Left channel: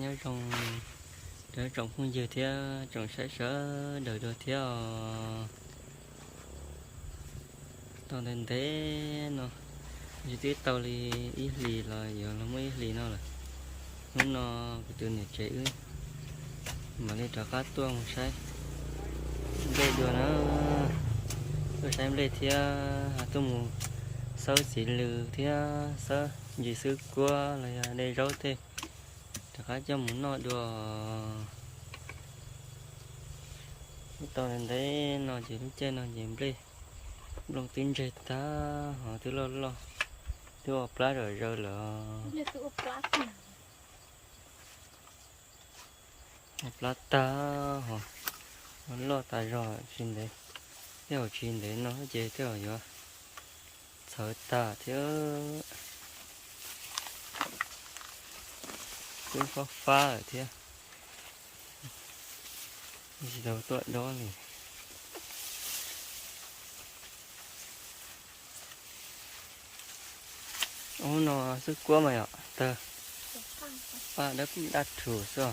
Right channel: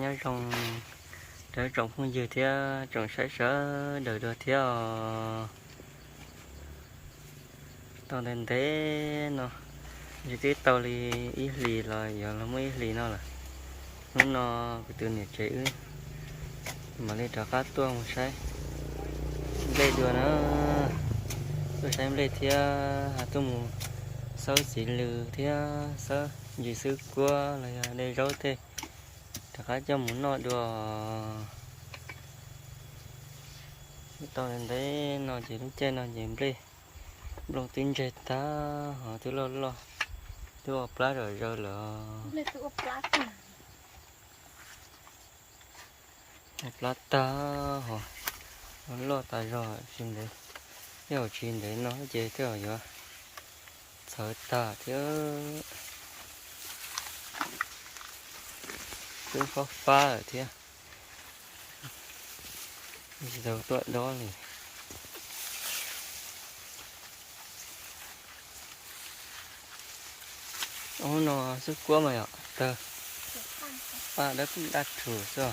nhớ trong để trồng không dừa thì trồng sẽ sẽ đợi được thì à. tao nên thế nó, như thế tao đi ít lì là, giờ nó mới ít lì nó là. Nó nó cái từ này chế mà lên trả cá tua một sai đây đùa nó. Tôi xem lên thì à, hạt tôi mù. Sau chỉ lừ thì à, sao gì sư qua là đây rau thế cho muốn nó được tao lên đấy nó chỉ lúc trên nó chỉ lên lòng tin chơi ta. Họ thứ lo lo. Thứ ở plá rồi rồi là ở plá ta họ họ lo tài rồi xin đấy theo xin đấy nó chơi theo rồi sợ ta theo cứ khó pha ở thế gì đâu tuệ đó này ô nó sức quá mày ạ. Tờ. Ba đất đặt thử rồi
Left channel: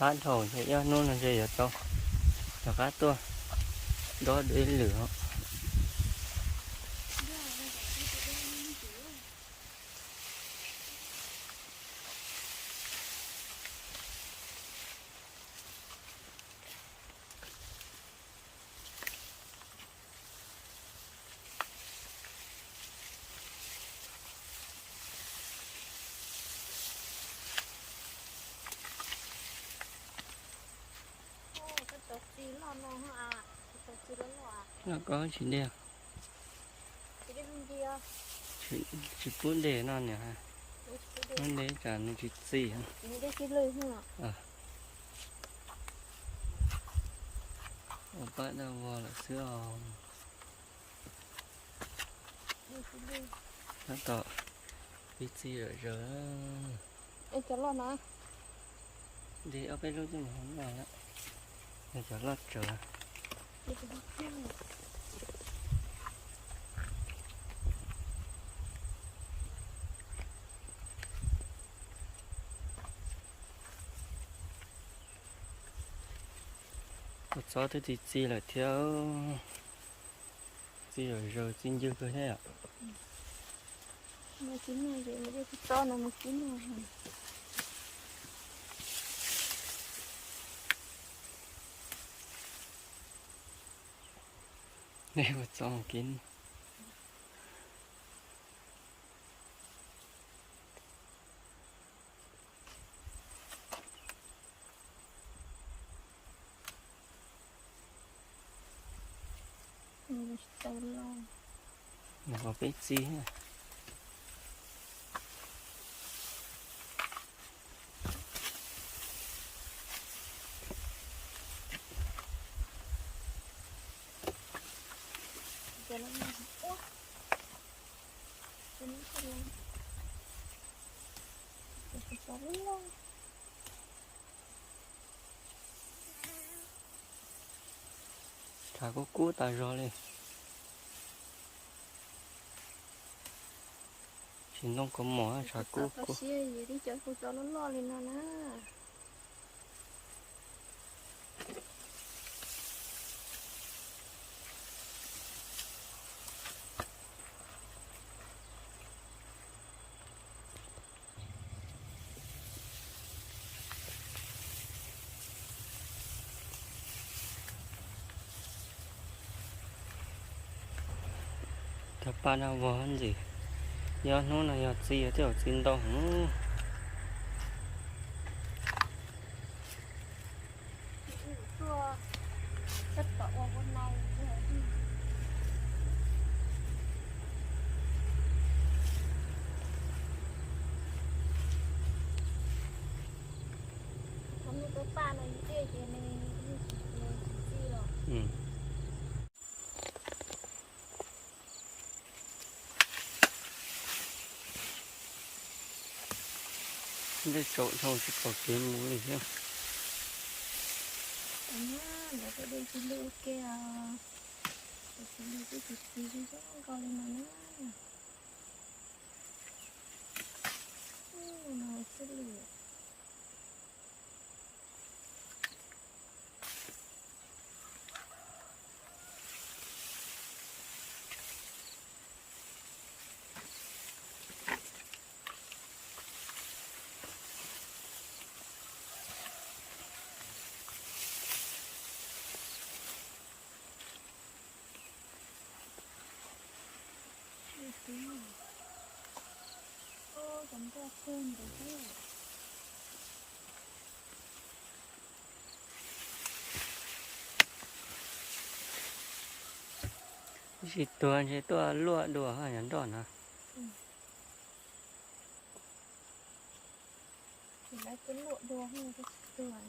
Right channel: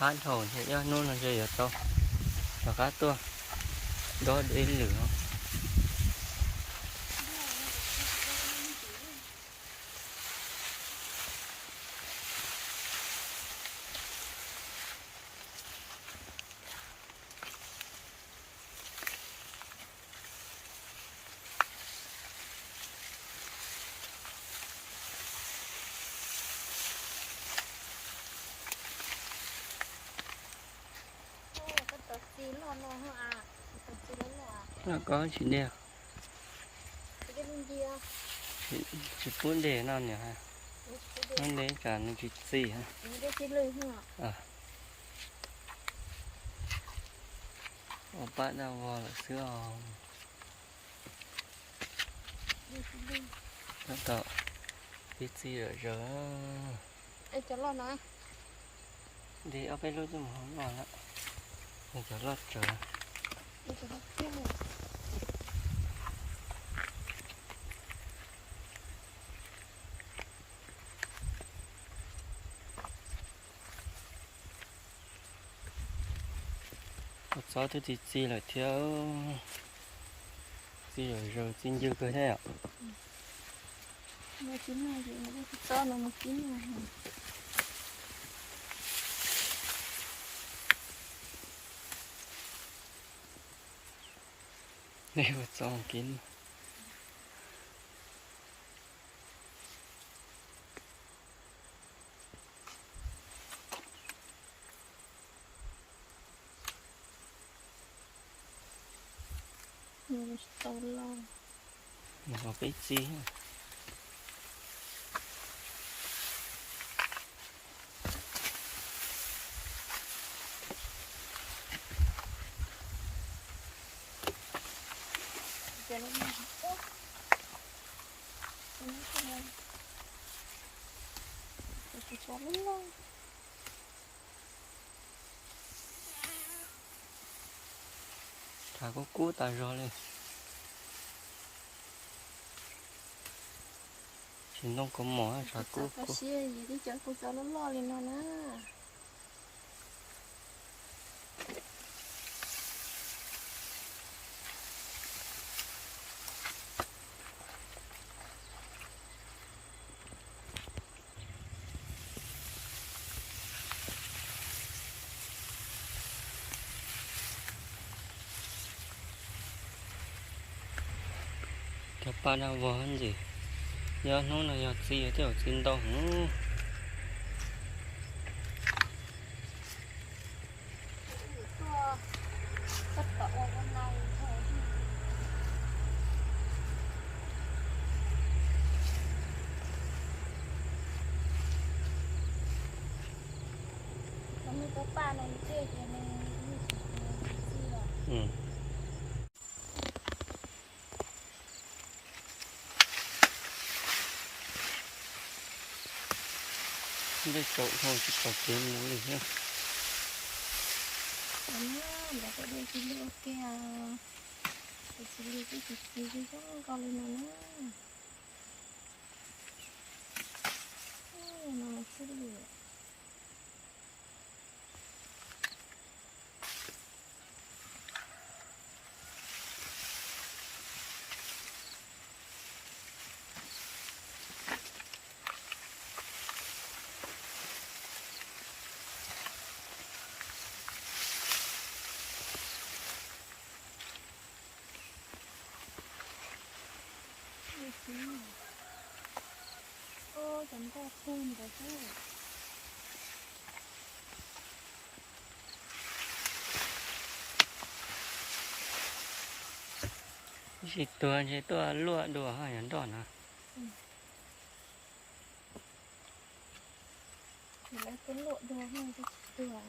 phát thổi thì cho nó là gì vậy đâu là cá tua. Đó đến liệu Cái tờ xí lo lo hả à Cái tờ xí lo lo à nó có bên kia. Chỉ muốn để nó nhỉ cái nó để cả những cái gì hả ở bạn nào vào là xưa nó tạo cái gì rồi rồi Em cho lo này. Đi ở bên lối cho mà không vào lại. Mình cho lót trời Đi cho một số thứ thì gì là thiếu gì rồi rồi xin dư cơ thế ạ. Mà chín rồi thì nó đi to nó một chín rồi. Này một số kín Nó to lo mà có cái gì ha. Cho nó Ủa Cho nó cho nó mà có cái gì lo thả có cú tài rồi lên chỉ nó có mỏ thà cú Tao cú xí gì đi cho cô cho nó lo lên nó nè thà ba nào vào hơn gì giờ nó là giờ gì ở chỗ xin đâu hả? Tua Tất cả ô con này thôi Không có ba này kia thì này gì rồi ừ cái cậu thôi chứ cậu kiếm muốn gì không Ana, đã ada đây sini oke ya. để sini itu di sini kan con lên Oh, chẳng phun rồi thế. chỉ tua chỉ tua lúa đùa hay nhắn đòn à Thì lấy cái lụa đồ hay cái tựa.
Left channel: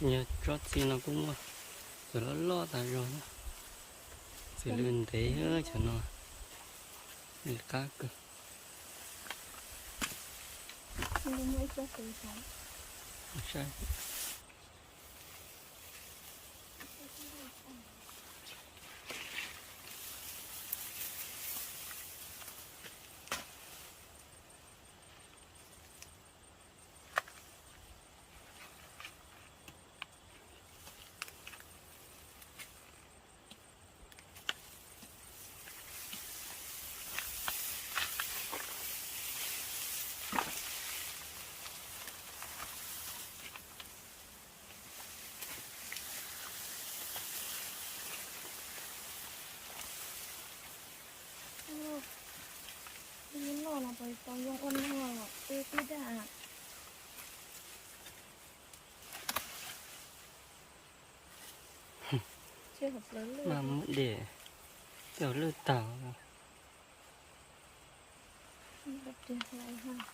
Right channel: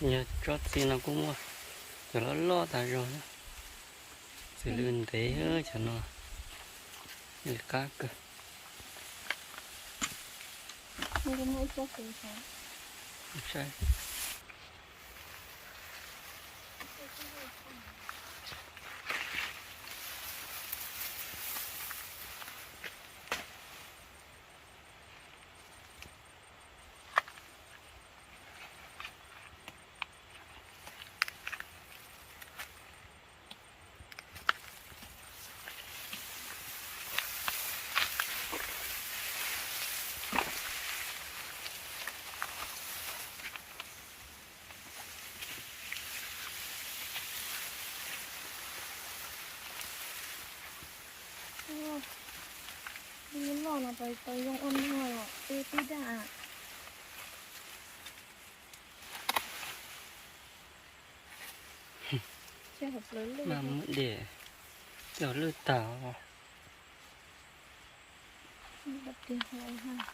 Nhớ chót xin nó cũng cho nó lo ta rồi đó. Sự lươn thế cho nó. Như cá cơ. Không có mỗi cho cái sáng. sai Ini lo là bài tao dùng ôn hồ. Ê, tí đã. Chưa hợp lớn lên. mà mới để kiểu lươn tảo vào. Đập tiền hồi ha.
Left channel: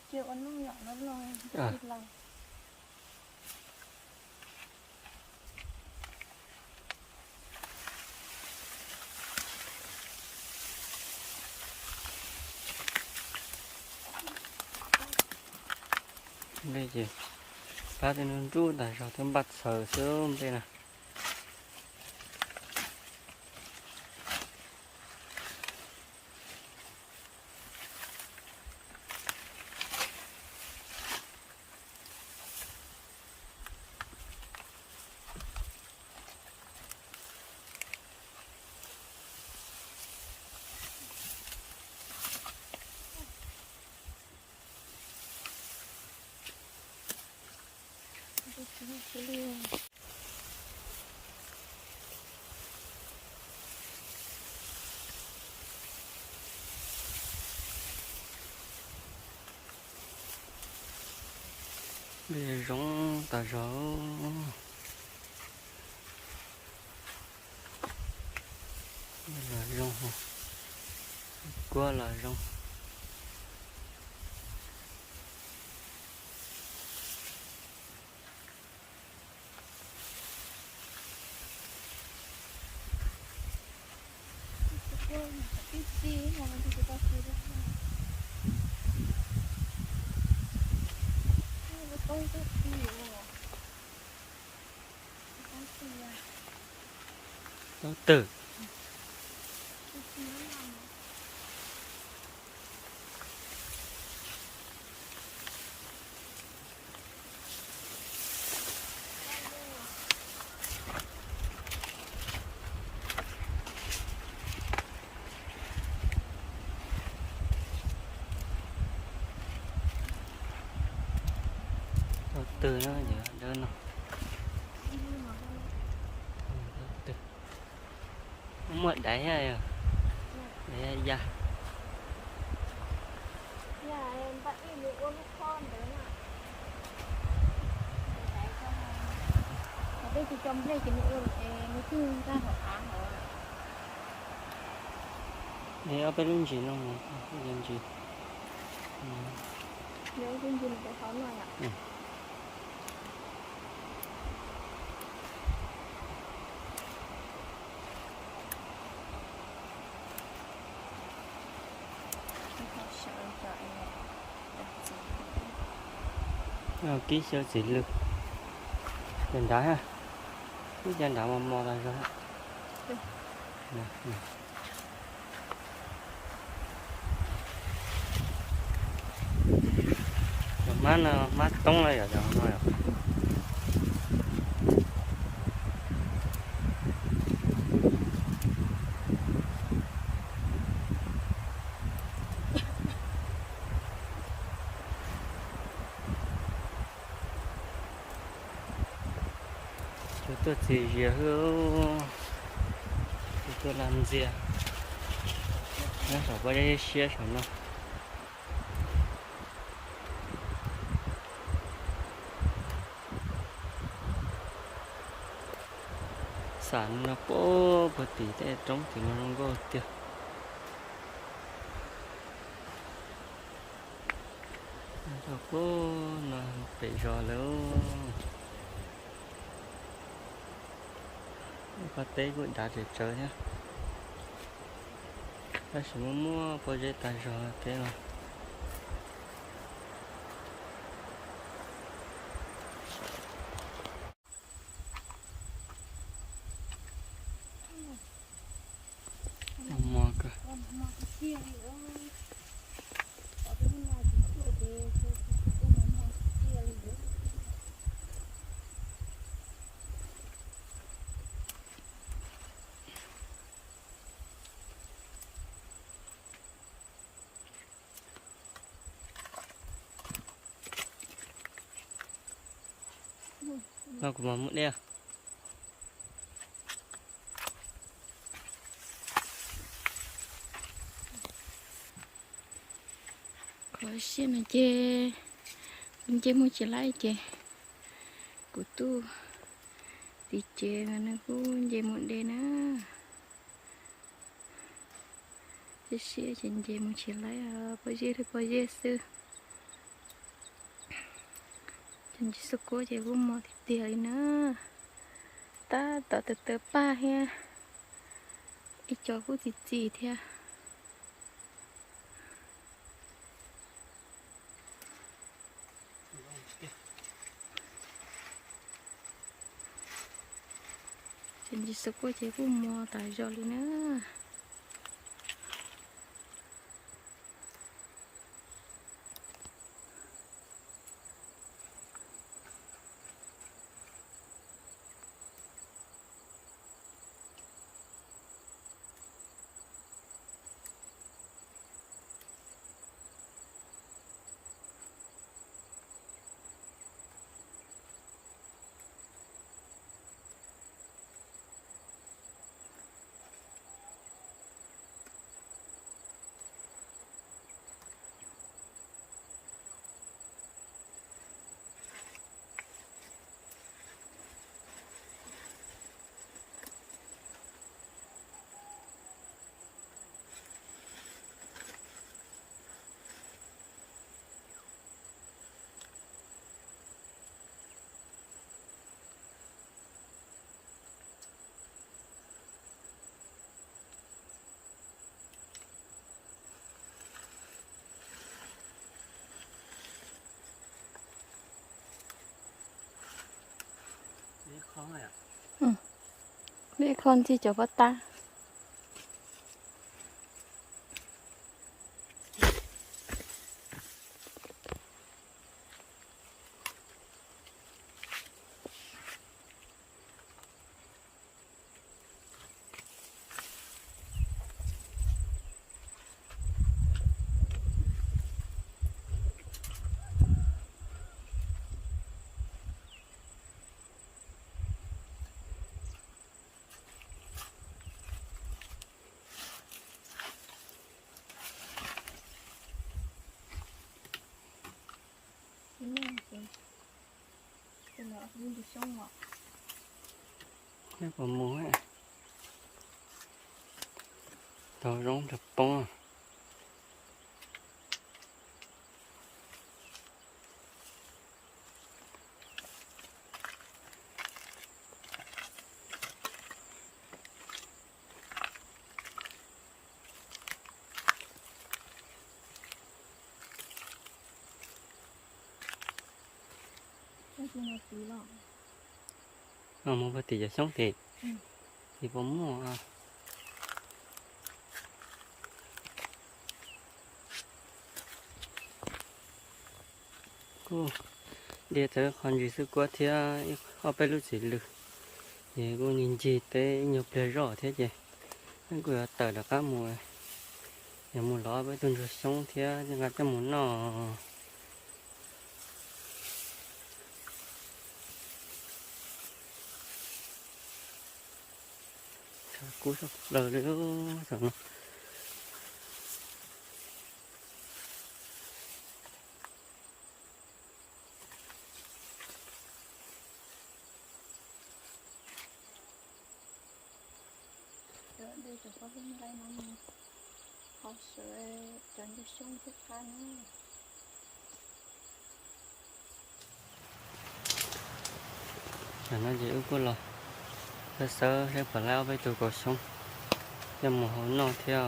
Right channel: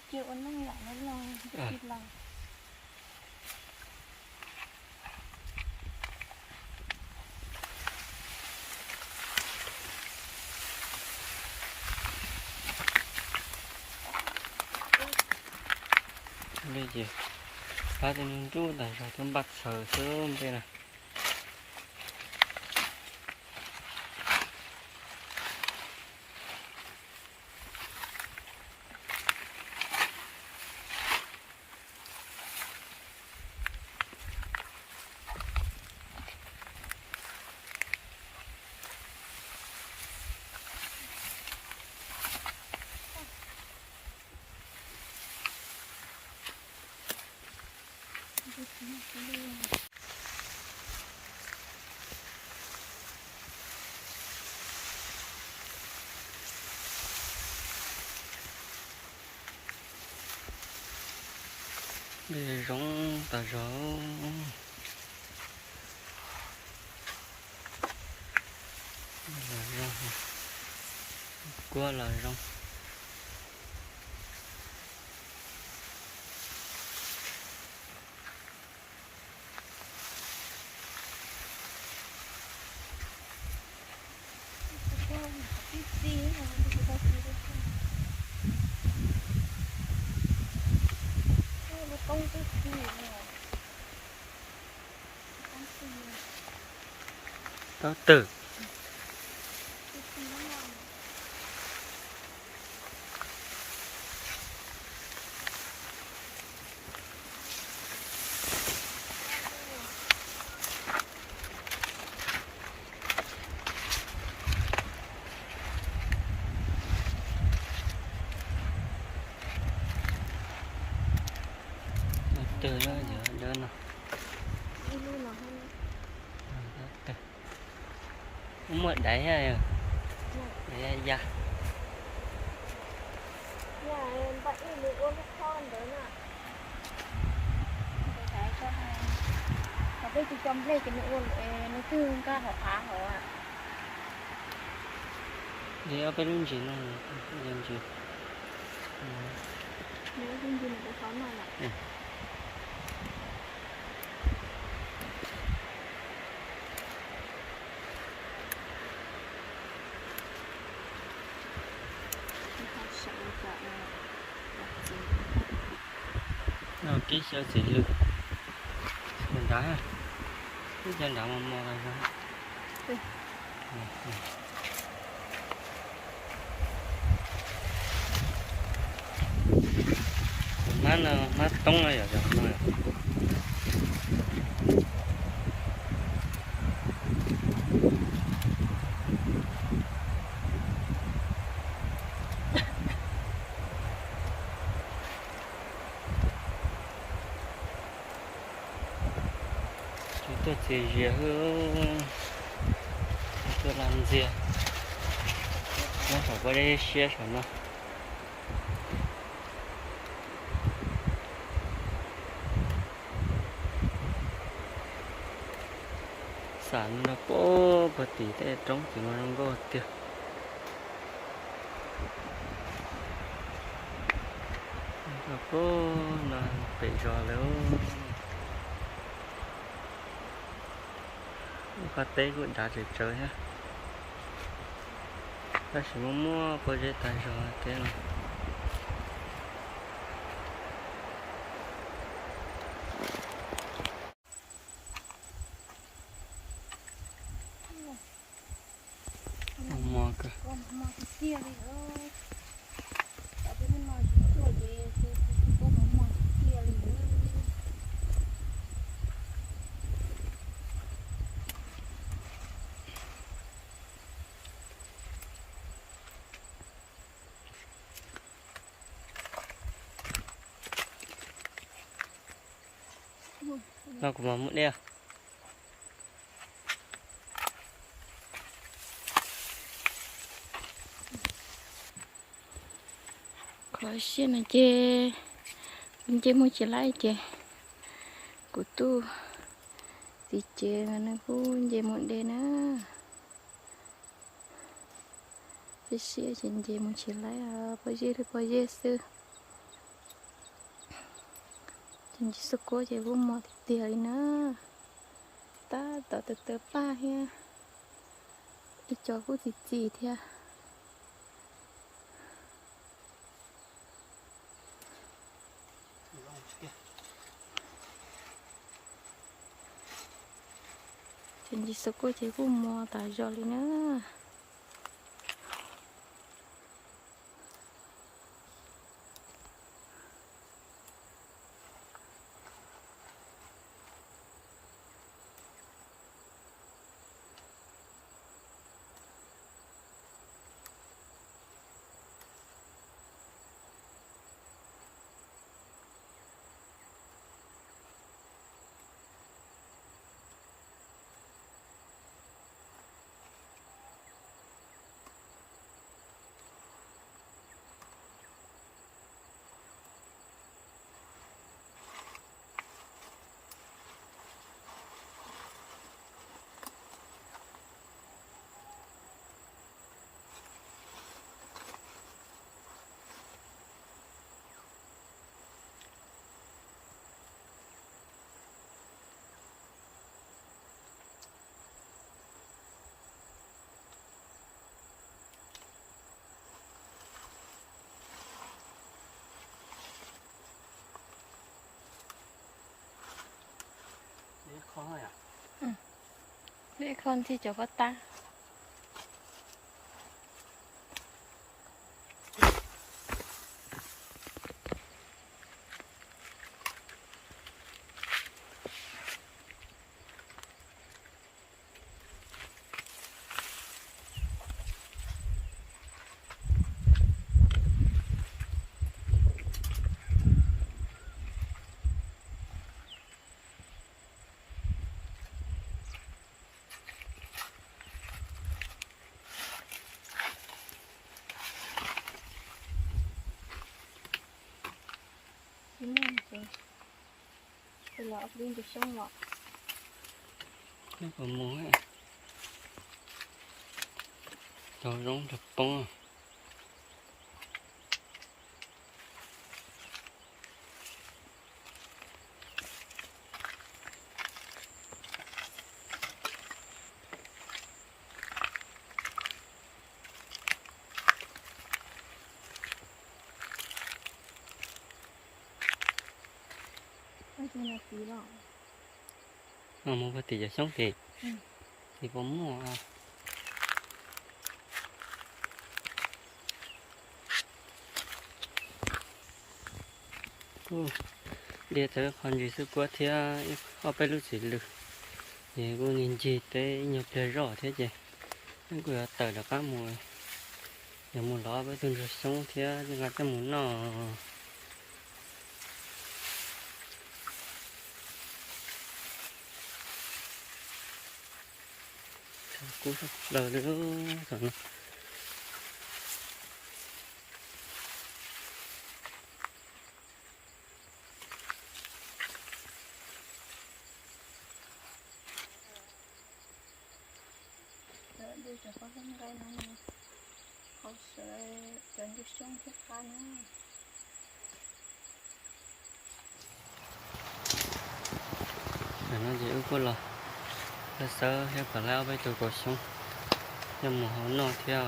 Nó chịu nó nhỏ nó lo À. lòng bây giờ ta thì nương chú tại sao thêm bắt sờ sớm thế nào cái cái cái luôn bây giờ giống tà gió. Đây là rong. Qua là rong. Cái qua mà cái ta chỉ được cái nó công cái gì mà cái gì à tao tử cái gì nó làm từ luôn hay từ cũng mất đẩy à ra đấy và bây giờ trong đây cái nữa nó cứ ca họ phá họ à để ở bên gì. Nó làm gì nếu cái gì là cái pháo này ạ Ừ. họ sợ cả gì rồi ký sơ chỉ lực chân đá ha cái chân đá mà mò ra rồi Ừ. Ừ, ừ. mát nó mát tông giờ nó rồi tôi thì giờ hữu tôi làm gì à? Nó sợ bao nhiêu xe sợ nó. Sản nó bố bật tí thế trống chỉ mà nó có tiêu nó bố, nó bị gió léo có tế cũng đã để chơi nhá. Ta chỉ muốn mua project tài gió thế mà mua cơ con mà cái kia đi ơi tại vì nó nói chúng tôi để cho con mà mà cái kia đi ơi nó cũng mà mũi đeo có xin là chê. Bên chê mua chỉ lại chê. Của tu. Thì chê là nó cũng chê muộn đê nữa thì xia trên chê mua chỉ lại à. Bao giờ thì bao giờ xưa trên chỉ số cố chỉ cũng mò thì tiền nữa. Ta tạo từ từ ba ha ít cho cô thì gì thế trên chỉ số cố chỉ cũng mò tại do nữa. Ừ. con rồi à Ừ. Vậy con thì cho bắt ta 이만큼 별로 없는 게 썩어 nó còn muối rồi rong thập bông à bà tỷ giờ sống thì Ừ. thì bò mua à. Cô để tới con gì sức quá thì họ phải lúc gì lực. Thì cô nhìn gì tới nhập để rõ thế chứ anh cứ tờ là các mùa nhà mùa đó với từng rồi sống thì mà cái muốn nó cuối không đời nữa rồi đỡ đi cho có bên gai nó mà không sợ tránh được xuống thiết ca nữa là nó dễ có lời cái sơ cái quả lao với tôi cổ sống cái mồ hôi nó theo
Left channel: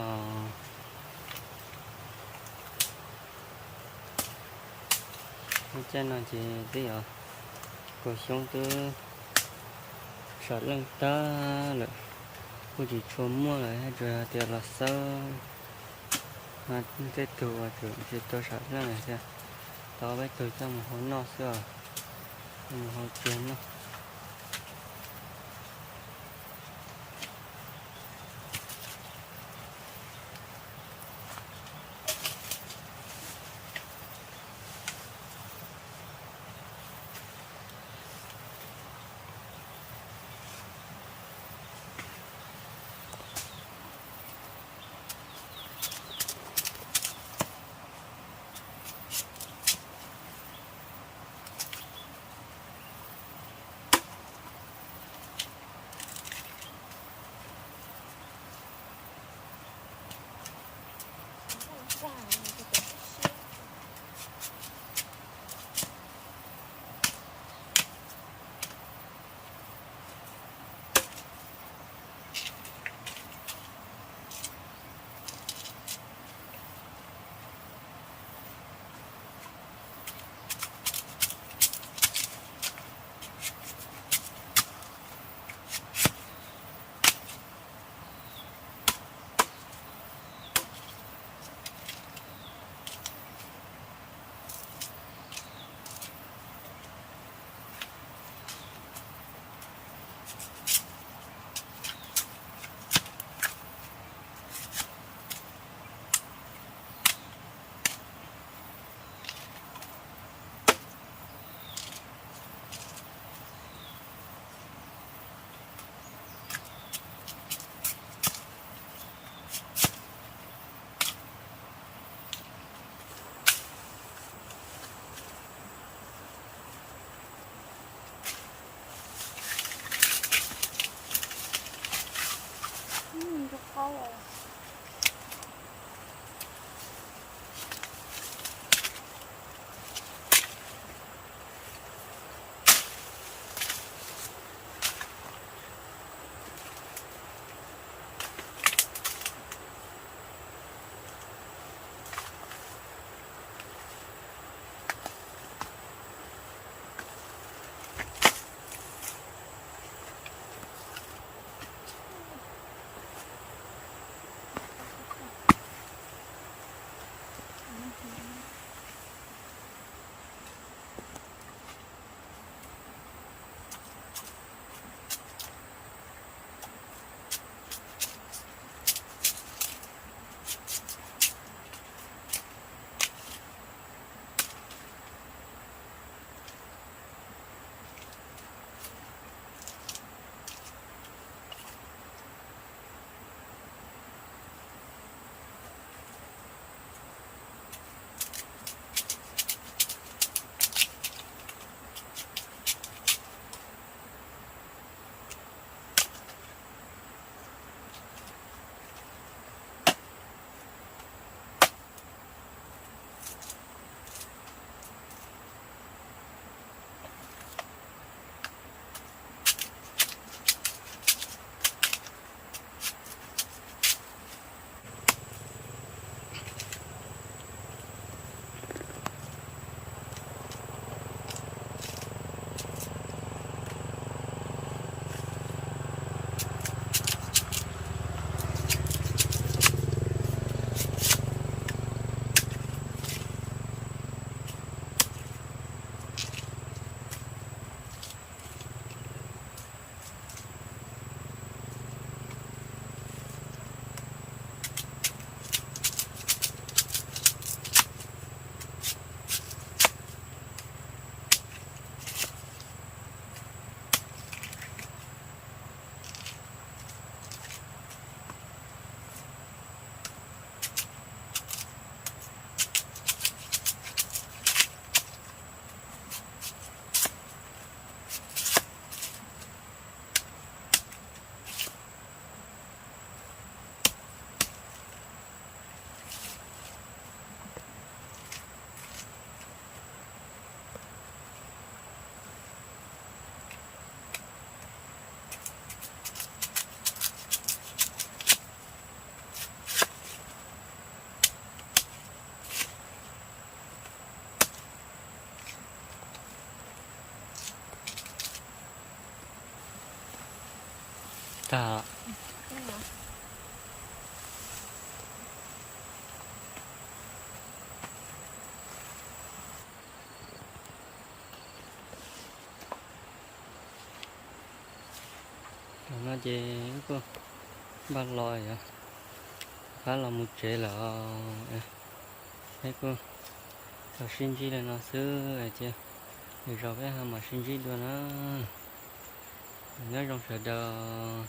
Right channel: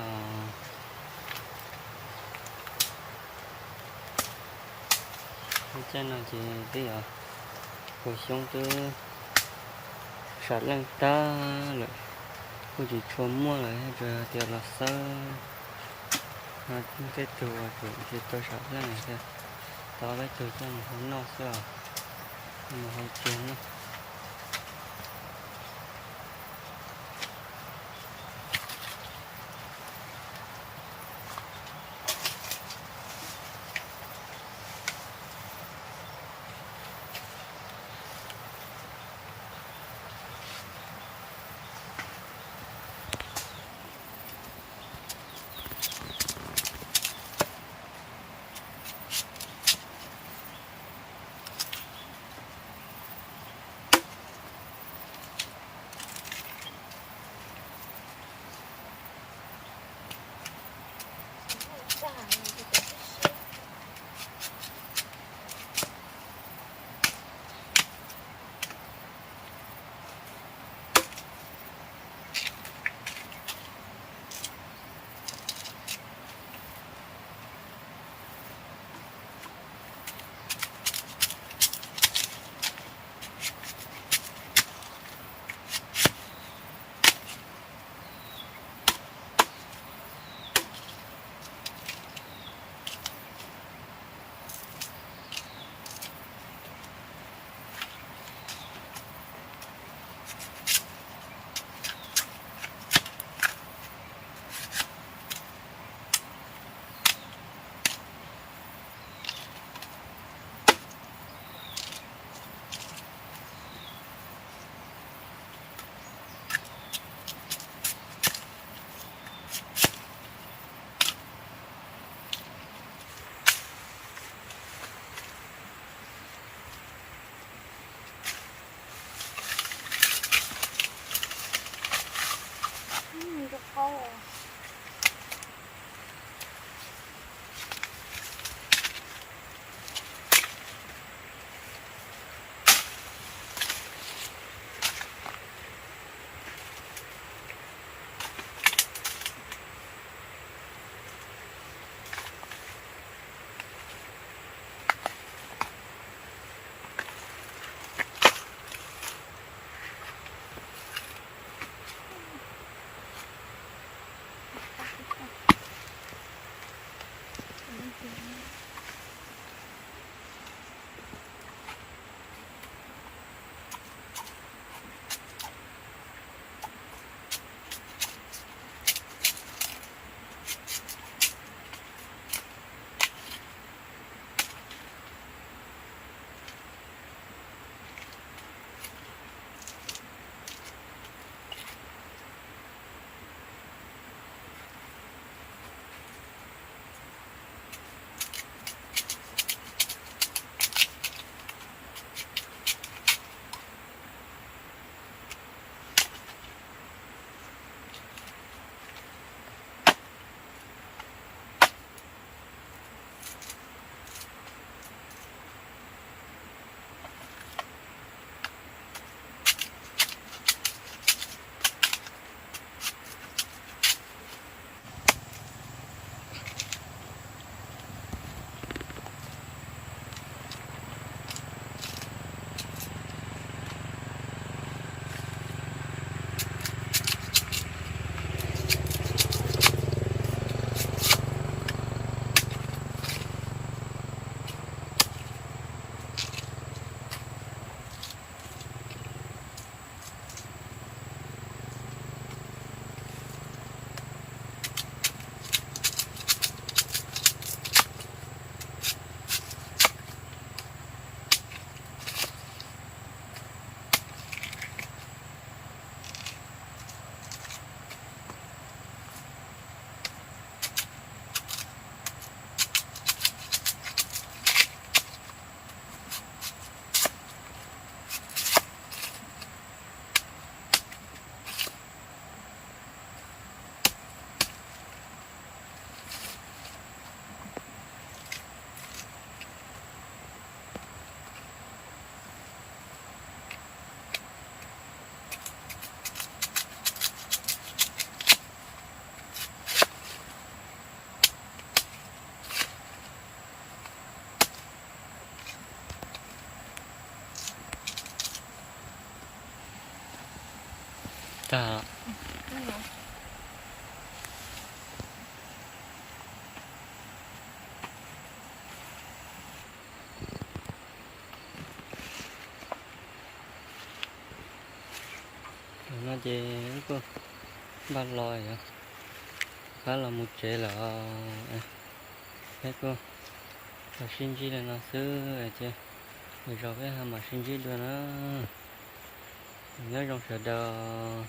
cái à? chân nó thì bây giờ à? cổ sống chứ? Sợ lăng ta rồi cô chỉ cho mua lại hết rồi thì là sơ. Mà chết tụi à, tụi thì tôi sợ lăng này sao tao với tụi cho một hôi nó sao một hôi chuông nó. 下来了这个 I. Dạ. ta Cái nó chỉ cô ba lòi à khá là một chế là ờ, thế cô là sinh chi là nó xứ này chưa mình rồi cái hàm mà sinh chi đưa nó. Nhớ trong sợ đờ.